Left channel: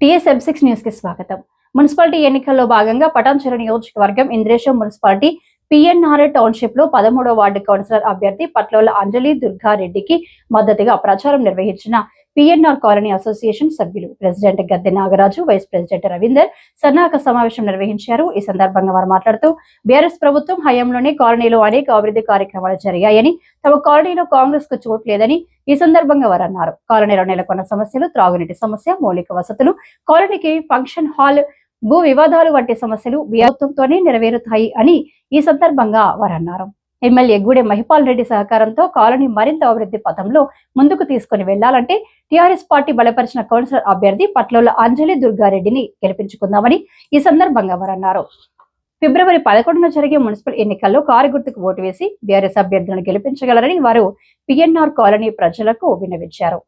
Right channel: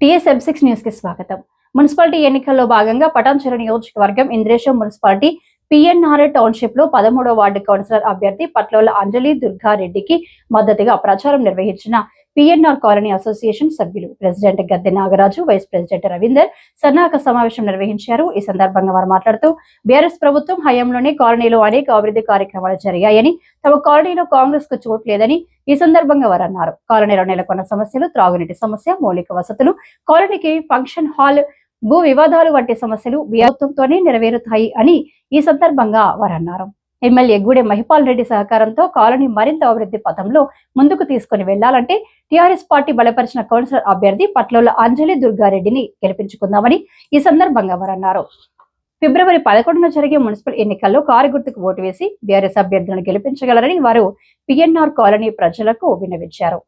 TSM six న్యూస్కి స్వాగతం. Municipality ఎన్నికల్లో భాగంగా పటాన్చెరు నియోజకవర్గం ఇంద్రేశం మున్సిపాలిటీ పిఎన్ఆర్ టౌన్షిప్లో పదమూడవ వార్డు కౌన్సిలర్ అభ్యర్థి పట్లోల అంజలి దుర్గారెడ్డికి మద్దతుగా ప్రచారం నిర్వహించిన పిఎన్ఆర్ కాలనీ అసోసియేషన్ సభ్యులు president Gadde Nagaraju vice president Ravinder సన్నాహక సమావేశం నిర్వహించారు. ఈ సందర్భంగా వారు మాట్లాడుతూ బీఆర్ఎస్ ప్రభుత్వం హయాంలోనే కాలనీలో అనేక అభివృద్ధి కార్యక్రమాలు జరిగాయని తమ కాలనీలో కాంగ్రెస్కు చోట్లేదని ఈ సందర్భంగా వారు అన్నారు. కాలనీలో నెలకొన్న సమస్యలు త్రాగునీటి సమస్య మౌలిక వసతులు కాలనీకి ఫంక్షన్ హాల్ భూ వివాదాలు వంటి సమస్యలు ప్రభుత్వంతోనే నెరవేరుతాయి అని ఈ సందర్భంగా వారు అన్నారు. ఎమ్మెల్యే గూడెం మహిపాల్ రెడ్డి సహకారంతో కాలనీ మరింత అభివృద్ధి పథంలో ముందుకు తీసుకుని వెళ్ళాలంటే టీఆర్ఎస్ పార్టీ బలపరిచిన కౌన్సిలర్ అభ్యర్థి పట్లోల అంజలి దుర్గారెడ్డిని గెలిపించుకుందామని ఈ సందర్భంగా వారు అన్నారు ఫిబ్రవరి పదకొండున జరిగే మున్సిపల్ ఎన్నికల్లో కారు గుర్తుకు ఓటు వేసి బీఆర్ఎస్ అభ్యర్థులను గెలిపించగలరని వారు పిఎన్ఆర్ కాలనీ ప్రజలకు విన్నవించారు.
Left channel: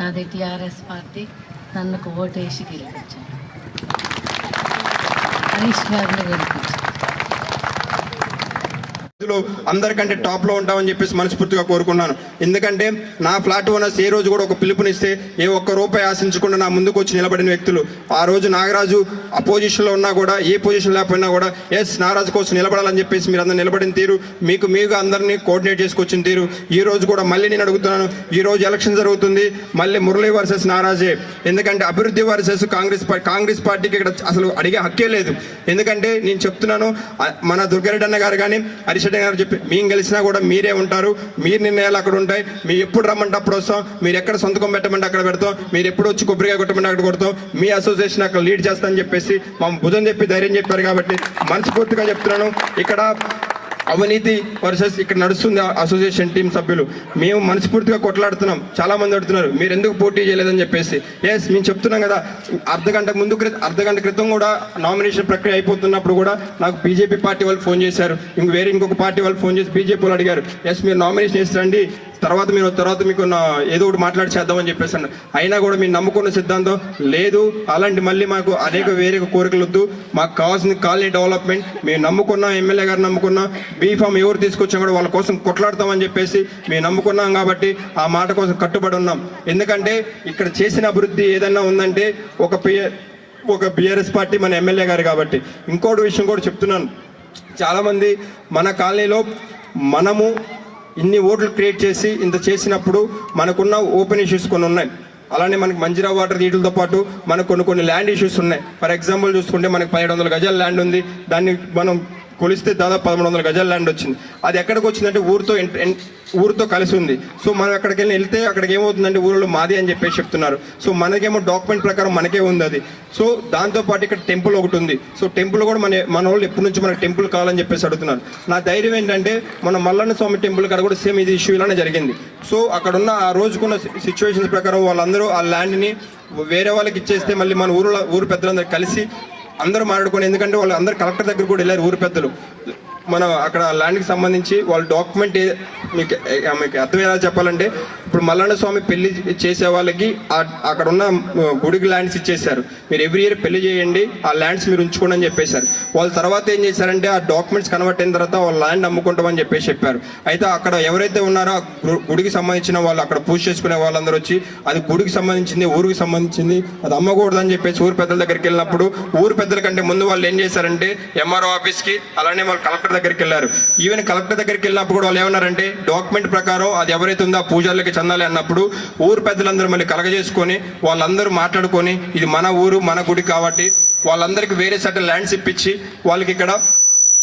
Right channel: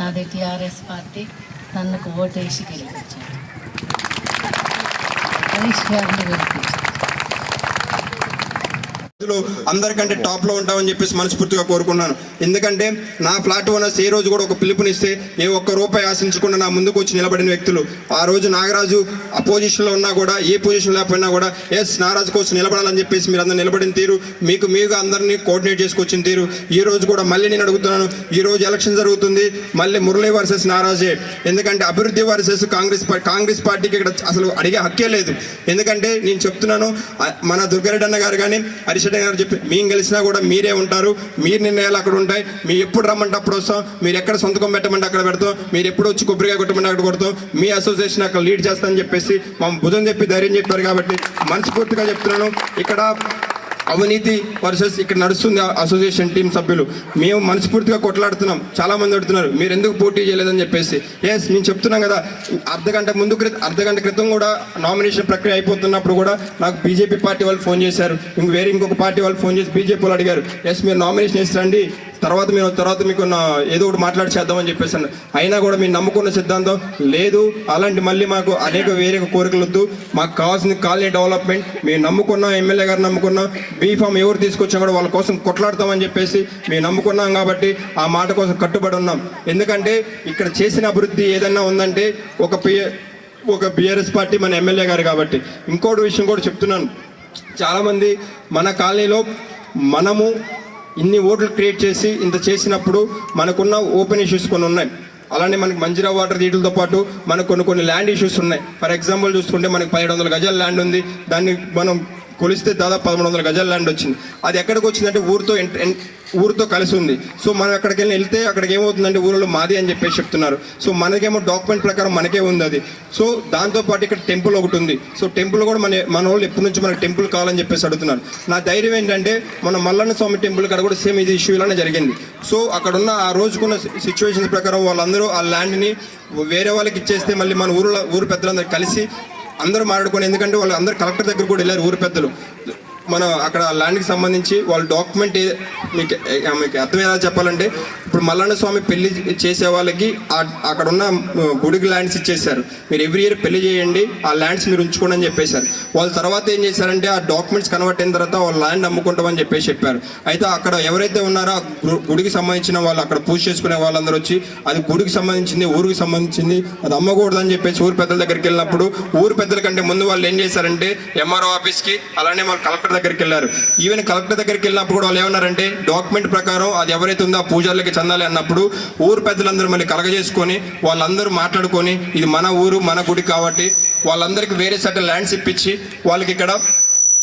నాది టీఆర్ఎస్ పార్టీ. నన్ను ఓటు వేసి గెలిపించారు. హరీష్ గారిని అందరికంటే టాప్లో ఉంటామని చెప్పేసి మనస్ఫూర్తిగా కోరుకున్నాను. ఎందుకంటే నా ఫ్లాట్ ఓనర్స్ ఏ రోజు కూడా ఒక పిలుపునిస్తే ఏ ఒక్క రూపాయి ఆశించకుండా నా ముందుకు వచ్చి నిలబడిన వ్యక్తులు. ఆ రోజు నాగరాజు అపోజిషన్లో ఉన్నా కూడా ఏ పొజిషన్ లేకపోయినా కూడా ఎస్ నాగరాజు కోసం నిలబడాలని చెప్పేసి మీరు అందరూ నిలబడిన తీరు మీకు మీకు అందరినీ కోఆర్డినేట్ చేసుకొచ్చిన తీరు. ఈ రోజు కూడా మళ్ళీ నేను అడుగుతున్నాను ఈ రోజు ఎలక్షన్ జరుగుతుంది మళ్ళీ మురళీ వర్సెస్ నారాజే ఎందుకంటే అభివృద్ధి వర్సెస్ కాంగ్రెస్ కాంగ్రెస్ పార్టీకి ఇక్కడ అసలు అడిగే హక్కే లేదు. ఎందుకంటే నేను చెప్తున్నాను మన దుర్గారెడ్డి అన్న గారు కానీ హరిశెడ్డి గారు చెప్పి మేము గెలిచినా కూడా మీరే ఉంటారు మీరు నిర్ణయాలు అక్కడ ఉంటారు. ఉంటాయి మీరు ఎప్పుడు రమ్మంటే అప్పుడు వస్తాం. మీరు ఎక్కడ సొంతకం పెట్టమంటే అక్కడ పెడతాం. మీరు ఎప్పుడు వచ్చి కొబ్బరికాయ కొట్టమంటే అక్కడ కొడతాం. మీ అసోసియేషన్ అక్కడ లీడ్ చేస్తానని చెప్పేసి మా భుజం చెప్పి ధైర్యం చెప్పారు కాబట్టి మనస్ఫూర్తిగా చెప్తున్నాను. ఇక్కడ అవినీతి వర్సెస్ ఇక్కడ నడుస్తుంది అసోసియేషన్ టీం సభ్యులు. మేము మనస్ఫూర్తిగా కొట్లాడుతున్నాం. చాలా మంది అడుగుతున్నారు మీరు ఎందుకు పోటీ చేయలేదని చెప్పేసి? ఎస్ మేము చెప్తున్నాం కదా. అర్ధగంట ముందు క్రితం అర్ధగంట క్రితం కూడా నామినేషన్ ప్రక్రియ అయిపోతున్నప్పుడు కూడా నాకు బీజేపీ పార్టీ వాళ్ళు ఫోన్ చేశారు. ఇంక వేరే ఇంకొక పార్టీ వాళ్ళు ఫోన్ చేసి బీజేపీ వాళ్ళు అడిగారు. ఎస్ మీరు నామినేషన్ వేసి రండి తర్వాత మేము తర్వాత మీకు ఏదో ఒకటి మాట్లాడి చేద్దామని చెప్పేసి అయినా కూడా మీరు నమ్ముకున్న సిద్ధాంతం లేదు అలాంటి మళ్ళీ మాకు అనేక వేరే కోరికలు వద్దు. మాకు కావాల్సిన కాలనీ డెవలప్మెంట్. మేము నమ్ముకున్నాం ఎమ్మెల్యే గారు నమ్ముకున్నాం బీఫామ్ ఎవరు తీసుకొచ్చా కూడా వాళ్ళ కోసం కొట్లాడతామని చెప్పేసి మేము నమ్ముకున్నాం కాబట్టి ఆ మాట కోసం కట్టుబడి ఉన్నాం. ఎందుకంటే ఇక్కడ చేసిన అభివృద్ధి ఏదైనా ఉందంటే ఒక పి ఒక బీఆర్ఎస్ పార్టీ మన ఎమ్మెల్యే గారు కాబట్టి. ఇంకోటి విషయం కూడా చెప్తున్నాను. చాలామంది మన కాలనీలో మనము ఇన్ని ఓట్లు క్రియేట్ చేసి ఇంత చేసినప్పుడు మనకున్న ఓపెన్ ఇష్యూస్ కొన్ని ఉన్నాయి. అలానే మనకి మంజిరా వాటర్ వీటితో పాటు మనకు కొన్ని కొన్ని ల్యాండ్ ఇష్యూస్ ఉన్నాయి. ఫర్ ఎగ్జాంపుల్ చూసుకుంటే మనకి పదిహేడు వందల గజాల ల్యాండ్ ఉంది. దాన్ని మనం కొలిస్తే దాదాపు పదమూడు వందల గజాల ల్యాండ్ వచ్చింది. అది ఎక్కడికి వచ్చిందంటే ఊరితో ఊరితో కలిసి ఉంది. సో మనం అక్కడికి వెళ్ళి వెళ్తే అక్కడికి ఏమవుతుందంటే ఊరిలో మాది అని చెప్పేసి చెప్తున్నారు. సో మనకేమో డాక్యుమెంట్ ప్రకారం మనకే ఉంది అది. సో దాంతోపాటు ఇక్కడ టెంపుల్ ఒకటి ఉంది. సో టెంపుల్ కూడా మన మన వాళ్ళు ఎప్పటి నుంచి మనకి టెంపుల్ కావాలని చెప్పేసి అడుగుతున్నారు. నా ధైర్యం ఏంటంటే మన మల్లన్న స్వామి టెంపుల్ కాడ కూడా సేమ్ ఇది ఇష్యూ ఇలానే జరిగింది. సో అక్కడ ఉన్న ఆ రోజుకున్న సిచ్యువేషన్స్ ప్రకారం వాళ్ళందరూ ఆ ల్యాండ్ని వేరే వాళ్ళకి ఇచ్చేస్తే మళ్ళీ మన ఊరు ఊరు పెద్దలందరూ కలిసి అందరూ మాట్లాడుకొని ఎందుకంటే వాళ్ళు అందరు కలెక్టర్ దగ్గర కూడా వెళ్ళారు ఊరి పెద్దలు. మన అక్కడ ల్యాండ్కి సంబంధించి వాళ్ళ డాక్యుమెంట్ మీకు మీకు అర్థమయ్యేలా చెప్పాలంటే ఇప్పుడు మల్లన్న స్వామి పెళ్ళి చేసే వాళ్ళకి అక్కడ ఉన్న గుడికి ల్యాండ్స్ ఇచ్చేశారు. మీరు ఎవ్రీ ఇయర్ పెళ్ళి చేయండి ఆ ల్యాండ్స్ మీరు ఉంచుకోండి అని చెప్పేశారు. వాళ్ళ తర్వాత ఏం చేశారంటే ఆ డాక్యుమెంట్స్ కన్వర్ట్ అయిన తర్వాత వాళ్ళ ల్యాండ్ అమ్ముకుంటామని చెప్పేసి చెప్పారు. అయితే అక్కడ ఎవరైతే ఉన్నారో ఆ గుడికి సంబంధించిన వాళ్ళు అక్కడ పూజ చేసుకునే వాళ్ళందరూ వచ్చి అది గుడికి సంబంధించింది ఊరికి సంబంధించింది అది అమ్మకూడదని చెప్పేసి ఊరు పెద్దల దగ్గరికి వెళ్ళినప్పుడు ఊరు పెద్దల కంటే ముందు వాళ్ళు ఏం చేశారంటే ఎంఆర్ఓ ఆఫీస్కి అలానే వాళ్ళు కలెక్టర్ దగ్గరికి వెళ్ళారు. ఈవెన్ కలెక్టర్ దగ్గరికి వెళ్ళినప్పుడు కూడా వాళ్ళు ఏమన్నారంటే డాక్యుమెంట్ ప్రకారం అది ఎవరైతే ఉందో ఆ పూజార్లకి చెందాలి అన్నప్పుడు ఊరు పెద్దలందరూ మళ్ళీ కలగజేసుకొని వాళ్ళందరూ మాట్లాడుకొని ఇది మన ఊరు మన గుడి కాబట్టి వాళ్ళందరికీ వేరే సగం ల్యాండ్స్ ఇప్పించి వాళ్ళకి ఇక్కడ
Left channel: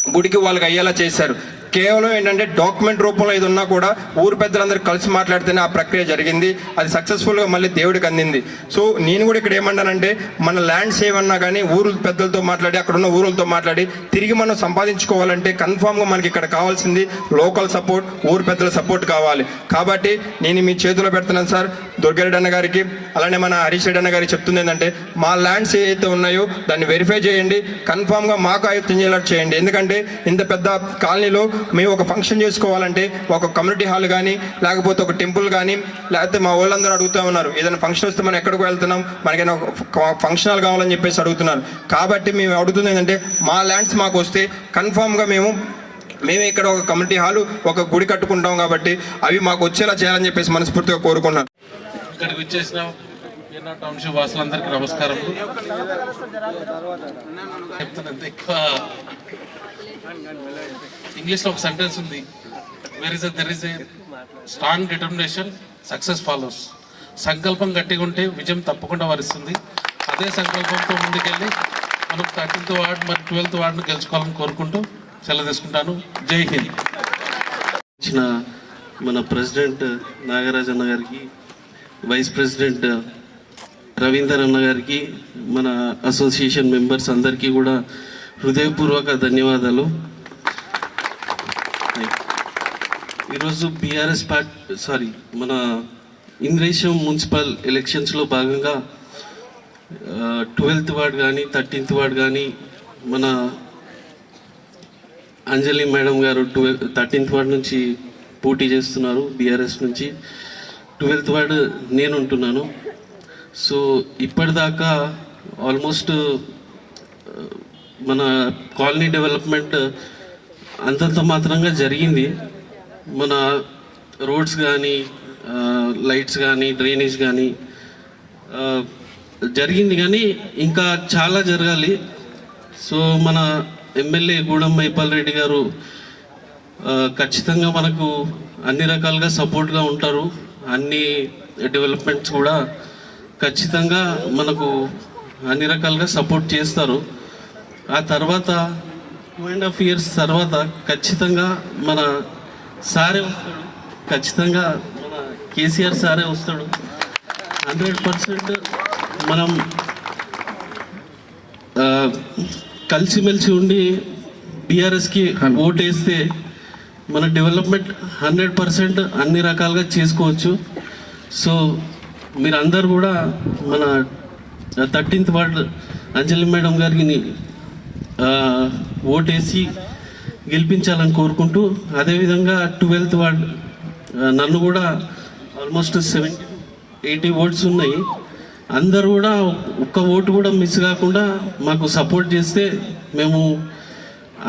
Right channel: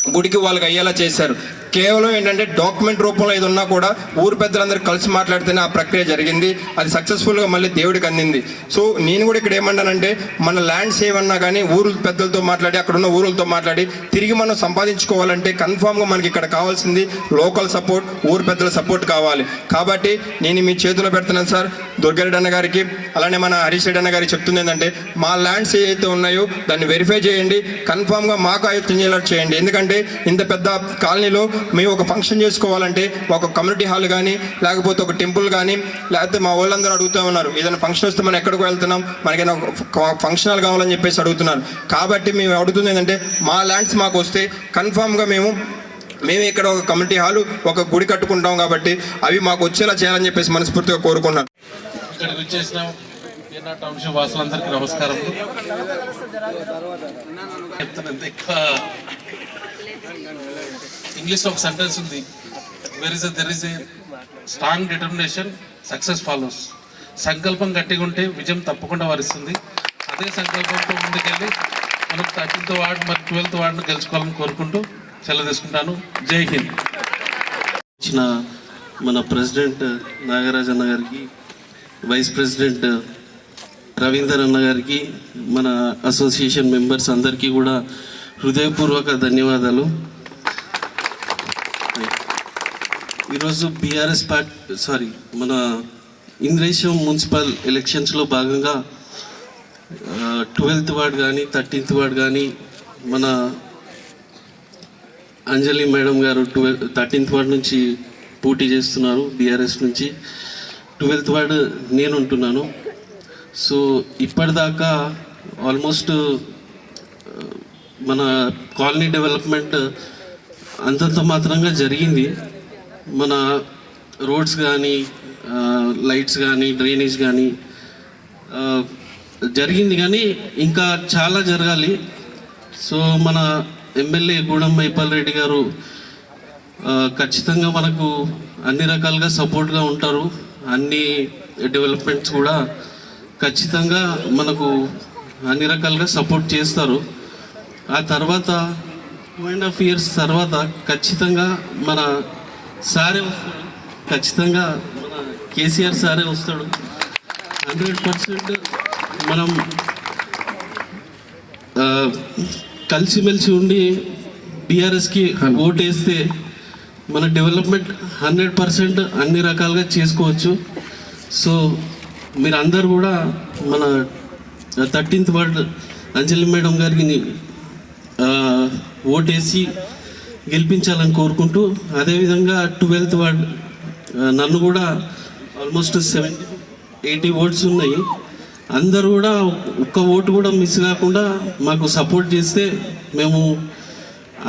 గుడికి వాళ్ళకి అయ్యేలా చేశారు. కేవలం ఏంటంటే డాక్యుమెంట్ రూపంలో ఇది ఉన్నా కూడా ఊరు పెద్దలందరూ కలిసి మాట్లాడితేనే ఆ ప్రక్రియ జరిగింది. అది సక్సెస్ఫుల్గా మళ్ళీ దేవుడికి అందింది. సో నేను కూడా ఇక్కడ ఏమన్నానంటే మన ల్యాండ్ సేవ్ అన్నా కానీ ఊరు పెద్దలతో మాట్లాడి అక్కడ ఉన్న ఊరులతో మాట్లాడి తిరిగి మనం సంపాదించుకోవాలంటే కన్ఫామ్గా మనకి ఇక్కడ కావాల్సింది లోకల్ సపోర్ట్ ఊరు పెద్దల సపోర్ట్ కావాలి. కాబట్టి నేను మీ చేతిలో పెడుతున్నాను సార్. దుర్గారెడ్డి అన్న గారికి అలానే మన హరీష్ రెడ్డి అన్న గారికి చెప్తుంది ఏంటంటే మా ల్యాండ్స్ ఏవైతే ఉన్నాయో దాన్ని వెరిఫై చేయండి కన్ఫామ్గా మాకు అయితే చేయాలి చేయండి. ఎందుకంటే ఇంత పెద్ద కాలనీలో మేము ఒక ఫంక్షన్ చేసుకోవాలంటే ఒక కమ్యూనిటీ హాల్ కానీ లేకపోతే ఒక టెంపుల్ కానీ లేకపోతే మా వాళ్ళందరూ అడుగుతూ ఉన్నారు. ఏదైనా ఫంక్షన్ వస్తే మనం ఎక్కడికి వెళ్తున్నాం? మనకైనా ఫంక్షన్ హాల్ కావాలని చెప్పేసి అడుగుతున్నారు. కాబట్టి మేము అడుగుతుంది ఏంటంటే మా ల్యాండ్స్ మాకు వస్తే కన్ఫామ్గా మేము మేము ఇక్కడ ఒక కమ్యూనిటీ హాల్ ఒక గుడి కట్టుకుంటాం కాబట్టి అవి మాకు వచ్చేలా చేయాలని చెప్పేసి మనస్ఫూర్తిగా కోరుకున్నాను ఇక్కడికి వచ్చేసిన. పీర్నా టౌన్షిప్ వాసులందరికీ నమస్కారం ఇంగ్లీష్ ఇంగ్లీష్లో ఒక సెంటెన్స్ ఉంది. Where is there is a strong determination success follows సంకల్పం గట్టిగా ఉంటే విజయం తప్పకుండా వరిస్తుంది. అదే సంకల్పంతో ముందుకెళ్ళి మనం థర్టీన్త్ వార్డు మరి ట్వెల్త్ వార్డును గెలుచుకోవాలని కోరుకుంటూ సెలవు తీసుకుంటాను. జై హింద్. ఇచ్చిన మన ప్రెసిడెంట్ నాగరాజన్న గారికి వైస్ ప్రెసిడెంట్ రవీందర్ అన్న గారికి మన అసోసియేషన్ మెంబర్స్ అందరికీ కూడా హృదయపూర్వక ధన్యవాదాలు. ఈరోజు బీఆర్ఎస్ పార్టీ సారీ మన ఇంద్రేశం మున్సిపల్ ఎలక్షన్స్లో భాగంగా uh, ట్వెల్త్ వార్డ్ కానీ థర్టీన్త్ వార్డ్ కానీ మన అంజలి మేడం గారు ట్వెల్త్ థర్టీన్త్ వార్డ్ నుంచి పోటీ చేస్తున్నారు బీఆర్ఎస్ నుంచి. ట్వెల్త్ వార్డ్ నేను ఉంటున్నాను సో ఇప్పటిదాకా ఆల్మోస్ట్ మన కాలనీ డెవలప్మెంట్ అంతంత మాత్రంగా జరిగింది. మన రోడ్స్ కానీ లైట్స్ కానీ డ్రైనేజ్ కానీ జరిగింది కానీ ఇంకా చాలా జరగాలి. సో మన ఎమ్మెల్యే గూడెం మైపాల్ రెడ్డి గారు ఖచ్చితంగా మనకు అన్ని రకాలుగా సపోర్ట్గా ఉంటారు. అన్ని డెవలప్మెంట్స్ కూడా ఖచ్చితంగా మనకు అన్ని రకాలుగా సపోర్ట్ చేస్తారు. ఆ తర్వాత టూ అండ్ హాఫ్ ఇయర్స్ తర్వాత ఖచ్చితంగా మన సారే వస్తాడు. ఖచ్చితంగా మన కేసీఆర్ సారే వస్తాడు. హండ్రెడ్ పర్సెంట్ మనం కలిసిమెలిసి ఉండి బీఆర్ఎస్కి ఓటేస్తే మన డెవలప్మెంట్ హండ్రెడ్ పర్సెంట్ అన్ని రకాలుగా చేసుకోవచ్చు. సో మీరు అందరు కూడా మన థర్టీన్త్ వార్డ్ అంజలి మేడం గారికి ఓటేసి గెలిపించాలని కోరుకుంటూ అదేవిధంగా ట్వెల్త్ వార్డ్ నన్ను కూడా ఆల్మోస్ట్ సెవెంటీ ఎయిటీ ఓట్స్ ఉన్నాయి. అందరూ కూడా ఒక్క ఓటు కూడా మిస్ కాకుండా మాకు సపోర్ట్ చేస్తే మేము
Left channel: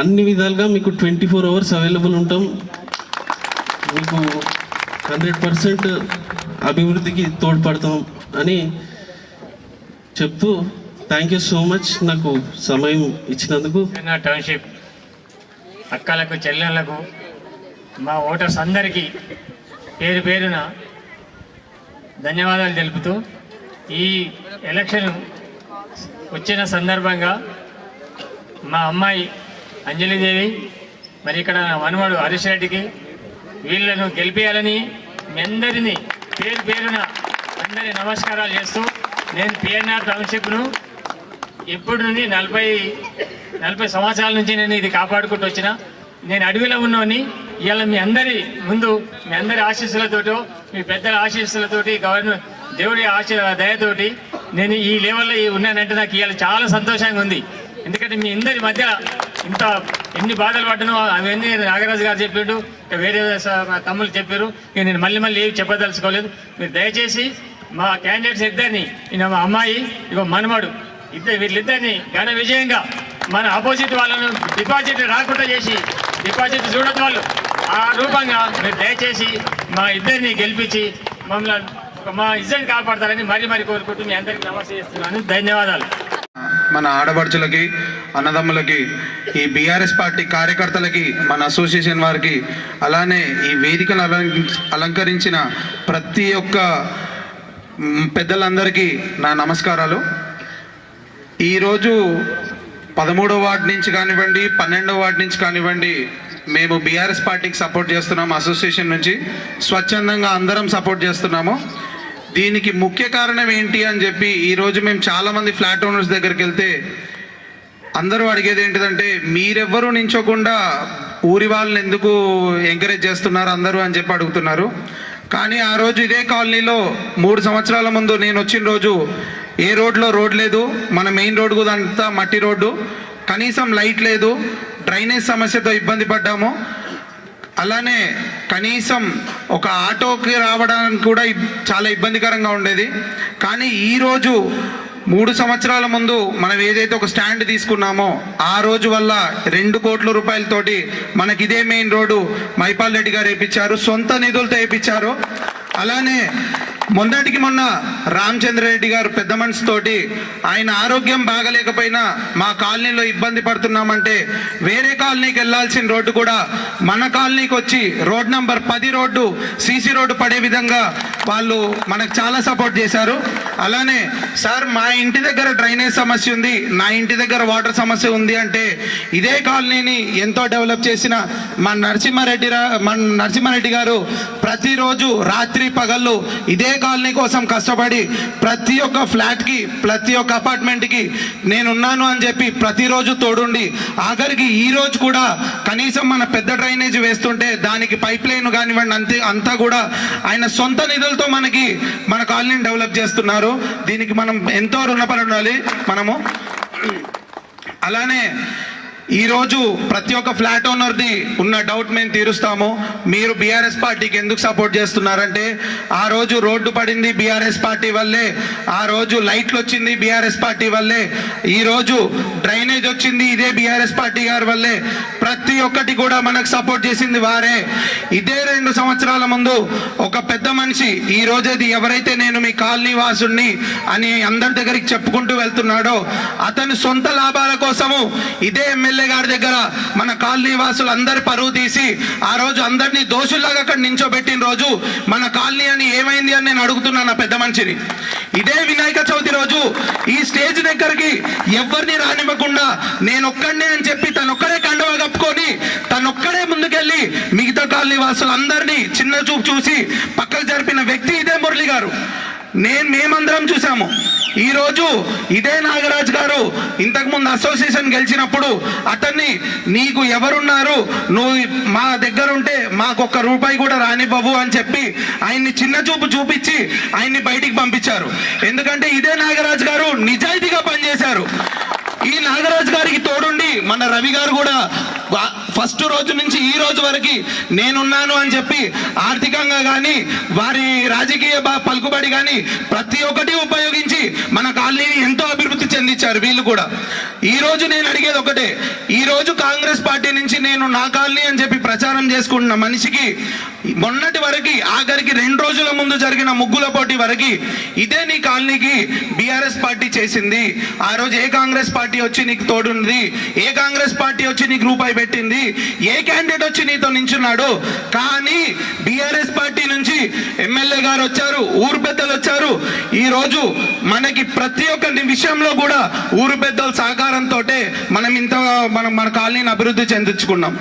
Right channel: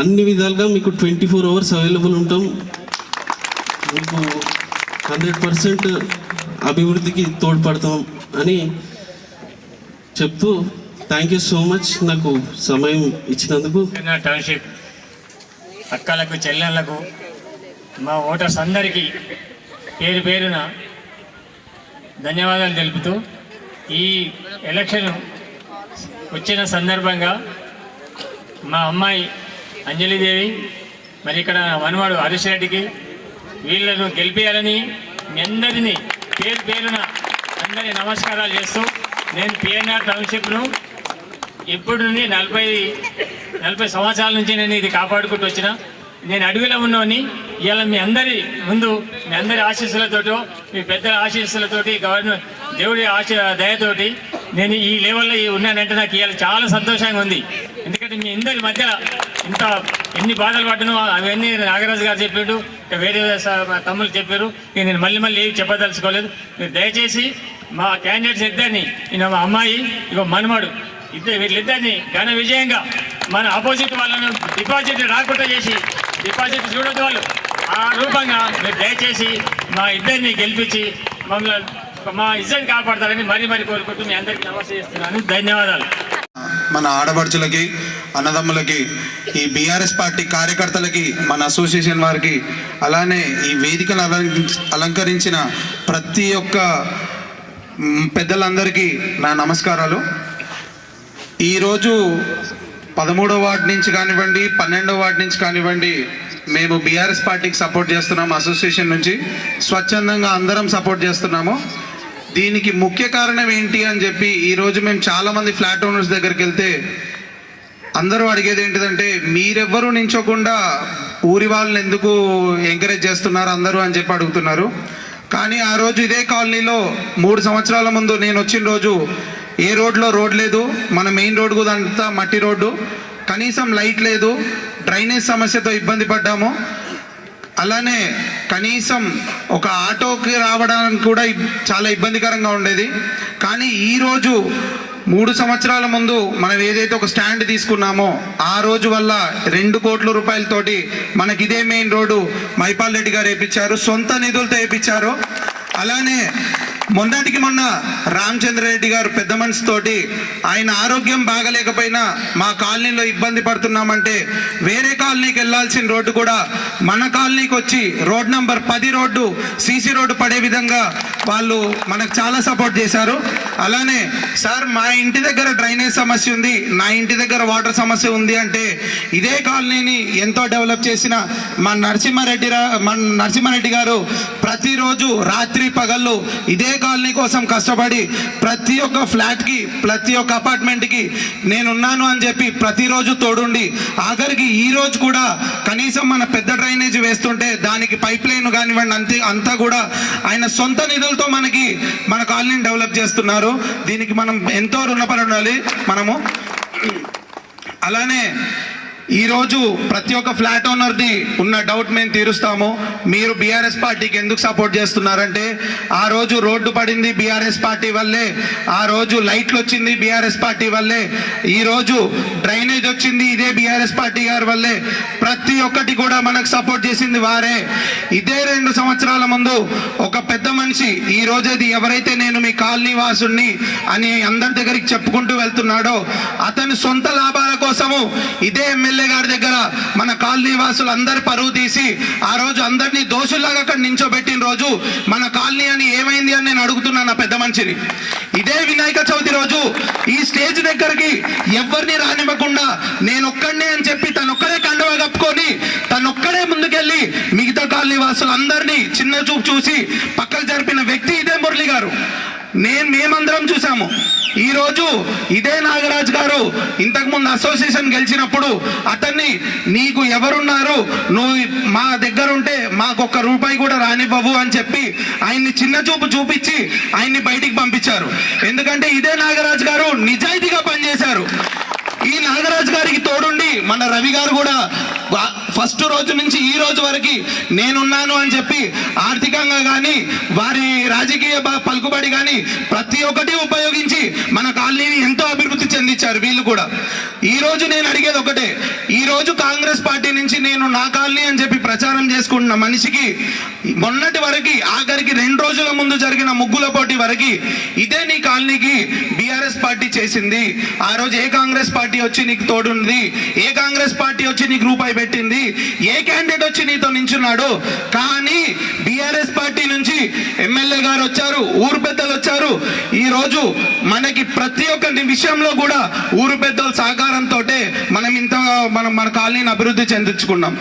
అన్ని విధాలుగా మీకు ట్వంటీ ఫోర్ అవర్స్ అవైలబుల్ ఉంటాం. మీకు హండ్రెడ్ పర్సెంట్ అభివృద్ధికి తోడ్పడతాం అని చెప్తూ థ్యాంక్ యూ సో మచ్ నాకు సమయం ఇచ్చినందుకు. నా టౌన్షిప్ అక్కలకు చెల్లెళ్ళకు మా ఓటర్స్ అందరికీ పేరు పేరున ధన్యవాదాలు తెలుపుతూ ఈ ఎలక్షన్ వచ్చిన సందర్భంగా మా అమ్మాయి అంజలిదేవి మరి ఇక్కడ మనవాడు హరీష్ రెడ్డికి వీళ్ళను గెలిపేయాలని మీ అందరినీ పేరు పేరున అందరి నమస్కారాలు చేస్తూ నేను పిఎన్ఆర్ టౌన్షిప్ను ఎప్పటి నుండి నలభై నలభై సంవత్సరాల నుంచి నేను ఇది కాపాడుకుంటూ వచ్చిన. నేను అడవిలో ఉన్నోని ఇలా మీ అందరి ముందు మీ అందరి ఆశీస్సులతోటో మీ పెద్దల ఆశీస్సులతోటి గవర్నమెంట్ దేవుడి ఆశ దయతోటి నేను ఈ లెవెల్లో ఈ ఉన్నానంటే నాకు ఇవాళ చాలా సంతోషంగా ఉంది. ఎందుకంటే మీ అందరి మధ్యలో ఇంత ఎన్ని బాధలు పడ్డానో అవన్నీ నాగరాజు గారు చెప్పాడు వేరే మా తమ్ముళ్ళు చెప్పారు. నేను మళ్ళీ మళ్ళీ ఏమి చెప్పదలుచుకోలేదు. మీరు దయచేసి మా క్యాండిడేట్స్ ఇద్దరిని ఈయన మా అమ్మాయి ఇక మనమడు ఇద్దరు వీళ్ళిద్దరిని ఘన విజయంగా మన ఆపోజిట్ వాళ్ళను డిపాజిట్ రాకుండా చేసి డిపాజిట్ చూడదు వాళ్ళు. ఆ రూపంగా మీరు దయచేసి మా ఇద్దరిని గెలిపించి మమ్మల్ని మా ఇద్దరిని కాపాడతారని మరీ మరీ కోరుకుంటూ మీ అందరికీ నమస్తే చేస్తున్నాను. ధన్యవాదాలు. మన ఆడపడుచులకి అన్నదమ్ములకి ఈ బీఆర్ఎస్ పార్టీ కార్యకర్తలకి మన అసోసియేషన్ వారికి అలానే ఈ వేదికను అలంకరించిన ప్రతి ఒక్క పెద్దలందరికీ నా నమస్కారాలు. ఈరోజు పదమూడవ వార్డు నుంచి కానివ్వండి పన్నెండవ వార్డు నుంచి కానివ్వండి మేము బీఆర్ఎస్ పార్టీకి సపోర్ట్ చేస్తున్నాం అసోసియేషన్ నుంచి. స్వచ్ఛందంగా అందరం సపోర్ట్ చేస్తున్నాము. దీనికి ముఖ్య కారణం ఏంటి అని చెప్పి ఈరోజు మేము చాలామంది ఫ్లాట్ ఓనర్స్ దగ్గరికి వెళ్తే అందరూ అడిగేది ఏంటిదంటే మీరెవ్వరూ నించోకుండా ఊరి వాళ్ళని ఎందుకు ఎంకరేజ్ చేస్తున్నారు అందరూ? అని చెప్పి అడుగుతున్నారు. కానీ ఆ రోజు ఇదే కాలనీలో మూడు సంవత్సరాల ముందు నేను వచ్చిన రోజు ఏ రోడ్లో రోడ్ లేదు మన మెయిన్ రోడ్ అంతా మట్టి రోడ్డు. కనీసం లైట్ లేదు డ్రైనేజ్ సమస్యతో ఇబ్బంది పడ్డాము. అలానే కనీసం ఒక ఆటోకి రావడానికి కూడా చాలా ఇబ్బందికరంగా ఉండేది. కానీ ఈరోజు మూడు సంవత్సరాల ముందు మనం ఏదైతే ఒక స్టాండ్ తీసుకున్నామో ఆ రోజు వల్ల రెండు కోట్ల రూపాయలతోటి మనకి ఇదే మెయిన్ రోడ్డు మైపాల్ రెడ్డి గారు వేయించారు సొంత నిధులతో వేయించారు అలానే మొన్నటికి మొన్న రామచంద్రరెడ్డి గారు పెద్ద మనసుతోటి ఆయన ఆరోగ్యం బాగలేకపోయినా మా కాలనీలో ఇబ్బంది పడుతున్నామంటే వేరే కాలనీకి వెళ్ళాల్సిన రోడ్డు కూడా మన కాలనీకి వచ్చి రోడ్ నంబర్ పది రోడ్డు సీసీ రోడ్డు పడే విధంగా వాళ్ళు మనకు చాలా సపోర్ట్ చేశారు. అలానే సార్ మా ఇంటి దగ్గర డ్రైనేజ్ సమస్య ఉంది నా ఇంటి దగ్గర వాటర్ సమస్య ఉంది అంటే ఇదే కాలనీని ఎంతో డెవలప్ చేసిన మా నరసింహారెడ్డి రా మన నరసింహారెడ్డి గారు ప్రతిరోజు రాత్రి పగళ్ళు ఇదే కాలనీ కోసం కష్టపడి ప్రతి ఒక్క ఫ్లాట్కి ప్రతి ఒక్క అపార్ట్మెంట్కి నేనున్నాను అని చెప్పి ప్రతిరోజు తోడుండి ఆఖరికి ఈ రోజు కూడా కనీసం మన పెద్ద డ్రైనేజ్ వేస్తుంటే దానికి పైప్ లైన్ కానివ్వండి అంతే అంతా కూడా ఆయన సొంత నిధులతో మనకి మన కాలనీని డెవలప్ చేస్తున్నారు. దీనికి మనం ఎంతో రుణపడి ఉండాలి. మనము అలానే ఈరోజు ప్రతి ఒక్క ఫ్లాట్ ఓనర్ది ఉన్న డౌట్ మేము తీరుస్తాము. మీరు బీఆర్ఎస్ పార్టీకి ఎందుకు సపోర్ట్ చేస్తున్నారంటే ఆ రోజు రోడ్డు పడింది బీఆర్ఎస్ పార్టీ వల్లే ఆ రోజు లైట్లు వచ్చింది బీఆర్ఎస్ పార్టీ వల్లే ఈరోజు డ్రైనేజ్ వచ్చింది ఇదే బీఆర్ఎస్ పార్టీ గారి వల్లే ప్రతి ఒక్కటి కూడా మనకు సపోర్ట్ చేసింది వారే. ఇదే రెండు సంవత్సరాల ముందు ఒక పెద్ద మనిషి ఈ రోజేది ఎవరైతే నేను మీ కాలనీ వాసుని అని అందరి దగ్గరికి చెప్పుకుంటూ వెళ్తున్నాడో అతని సొంత లాభాల కోసము ఇదే ఎమ్మెల్యే గారి దగ్గర మన కాలనీ వాసులు అందరి పరువు తీసి ఆ రోజు అందరినీ దోషుల్లాగా అక్కడ నించోబెట్టిన రోజు మన కాలనీ అని ఏమైంది అని నేను అడుగుతున్నాను ఆ పెద్ద మనిషిని. ఇదే వినాయక చవితి రోజు ఈ స్టేజ్ దగ్గరికి ఎవరిని రానివ్వకుండా నేను ఒక్కడినే అని చెప్పి తనొక్కడే కండవ కప్పుకొని తనొక్కడే ముందుకెళ్ళి మిగతా కాలనీ వాసులందరినీ చిన్న చూపు చూసి పక్కకు జరిపిన వ్యక్తి ఇదే మురళి గారు. నేను మేమందరం చూసాము ఈ రోజు ఇదే నాగరాజ్ గారు ఇంతకుముందు అసోసియేషన్ గెలిచినప్పుడు అతన్ని నీకు ఎవరున్నారు? నువ్వు మా దగ్గర ఉంటే మాకు ఒక్క రూపాయి కూడా రానివ్వవు అని చెప్పి ఆయన్ని చిన్న చూపు చూపించి ఆయన్ని బయటికి పంపించారు. ఎందుకంటే ఇదే నాగరాజ్ గారు నిజాయితీగా పనిచేశారు. ఈ నాగరాజు గారికి తోడుండి మన రవి గారు కూడా ఫస్ట్ రోజు నుంచి ఈ రోజు వరకు నేనున్నాను అని చెప్పి ఆర్థికంగా కానీ వారి రాజకీయ పలుకుబడి కానీ ప్రతి ఒక్కటి ఉపయోగించి మన కాలనీని ఎంతో అభివృద్ధి చెందించారు వీళ్ళు కూడా. ఈ రోజు నేను అడిగేది ఒకటే ఈ రోజు కాంగ్రెస్ పార్టీ నుంచి నేను నా కాలనీ అని చెప్పి ప్రచారం చేసుకుంటున్న మనిషికి మొన్నటి వరకు ఆఖరికి రెండు రోజుల ముందు జరిగిన ముగ్గుల పోటీ వరకు ఇదే నీ కాలనీకి బీఆర్ఎస్ పార్టీ చేసింది. ఆ రోజు ఏ కాంగ్రెస్ పార్టీ వచ్చి నీకు తోడుంది? ఏ కాంగ్రెస్ పార్టీ వచ్చి నీకు రూపాయి పెట్టింది? ఏ క్యాండిడేట్ వచ్చి నీతో నించున్నాడు. కానీ బీఆర్ఎస్ పార్టీ నుంచి ఎమ్మెల్యే గారు వచ్చారు ఊరు పెద్దలు వచ్చారు. ఈ రోజు మనకి ప్రతి ఒక్క విషయంలో కూడా ఊరు పెద్దల సహకారంతో మనం ఇంత మనం మన కాలనీని అభివృద్ధి చెందించుకున్నాం.